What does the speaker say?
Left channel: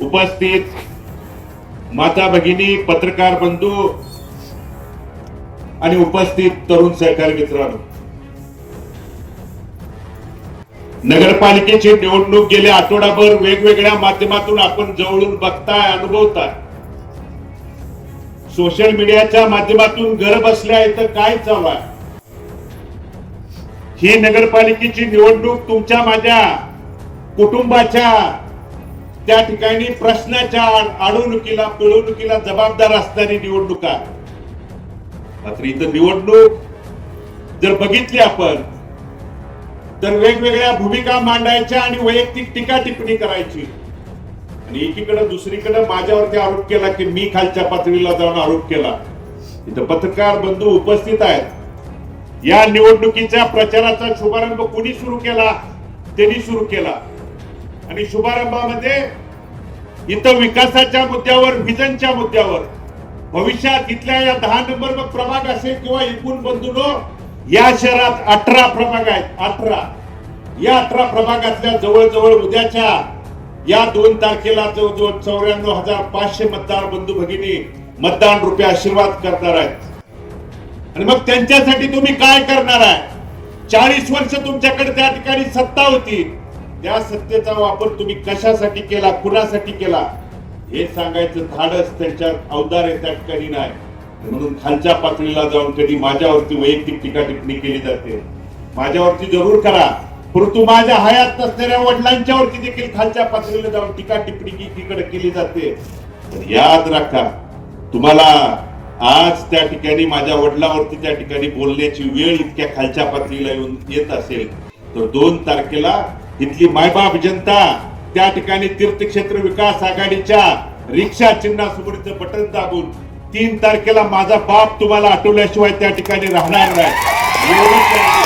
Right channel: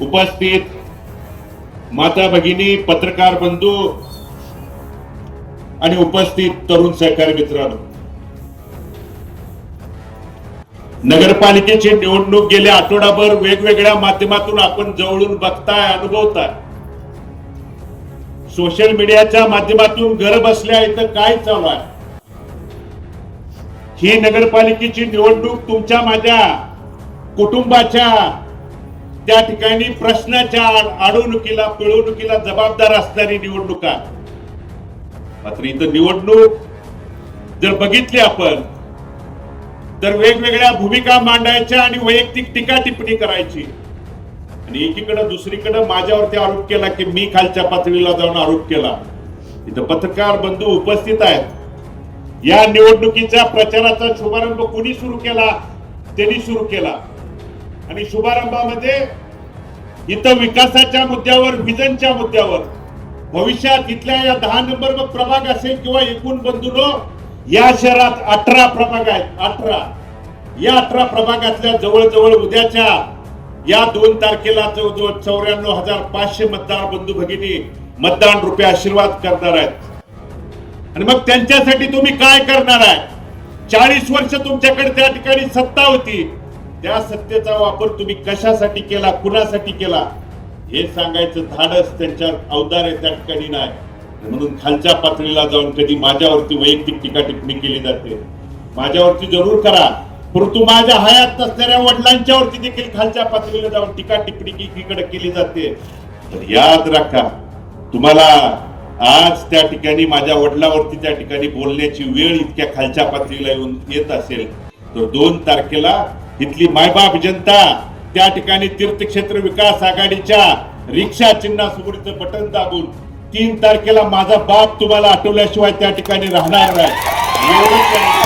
उपस्थित माता भगिनी पत्रकार बंधू आणि उपस्थित तरुण सहकारी मित्रांनो. नगरपालिकेची निवडणूक गेल्या आठवडाभर वेगवेगळ्या माध्यमातून आपण जवळून बघताय अनुभवताय. सोशल मीडियाच्या माध्यमातून घर बसल्या इथं काय चालू आहे? ही नगरपालिकेची निवडणूक तुमच्या माझ्या कुटुंबाच्या त्या ठिकाणी प्रश्नाच्या अडवणुकीला पिळवणुकीला जबाबदार असणारी निवडणुका मात्र इथं निवडणूक जर बघितली आपण तर वेगवेगळ्या भूमिका मांडायच्या आणि वैयक्तिक टीका टिप्पणी करायची. आणि एकीकडे दुसरीकडे माझ्यावरती आरोप केला की मी खालच्या पातळीला जाऊन आरोप केला. इथं पत्रकार बंधू उपस्थित आहेत. या निवडणुकीच्या प्रचाराचा शुभारंभ कुणी सुरू केला? त्यांनी सुरू केला. आणि शुभारंभामध्ये इथं विकासाच्या मुद्द्यावर विजनच्या मुद्द्यावर भविष्यात इथल्या या दहा नंबर प्रभाग असेल किंवा एकूण बंधूनो या शहरात अठरा प्रभाग आहेत. अठरा. या अठरा प्रभागातल्या जवळजवळ उद्याच्या या दोन तारखेला जवळजवळ चौऱ्याण्णव हजार पाचशे मतदार बंधू भगिनी मतदान रुपये आशीर्वाद करणार आहेत. आणि मग त्यांच्यासाठी तुम्ही काय करणार आहे? चाळीस वर्ष तुमच्याकडे त्या ठिकाणी सत्ता होती. त्या सत्तेचा वापर तुम्ही कशासाठी केला कुणासाठी केला हे सांगायचं धाडस त्यांच्या अवतार आहे त्या ठिकाणी नाही. म्हणून खालच्या पातळीला जाऊन कधी माझ्यावरती वैयक्तिक टीका टिप्पणी केली जाते. माझ्यावरती जरूर करा. परंतु माझ्या हयात नसणाऱ्या वडिलांच्या वरती देखील खालच्या पातळीला जाऊन टीका टिप्पणी एकीकडे केली जाते. तर याद राखा तुम्हाला आज त्या ठिकाणी माझ्या वडिलावरती त्या ठिकाणी बोलण्याची वेळ इतक्या खालच्या पातळीला येऊन येत असेल तर दोन तारखेला इथली मायबाप जनता त्या ठिकाणी तीर्थक्षेत्र विकास आघाडीच्या रिक्षा चिन्हासमोरचं बटन दाबून तीन तारखेला माझा बाप तुम्हाला आठवल्याशिवाय त्या ठिकाणी राहणार नाही.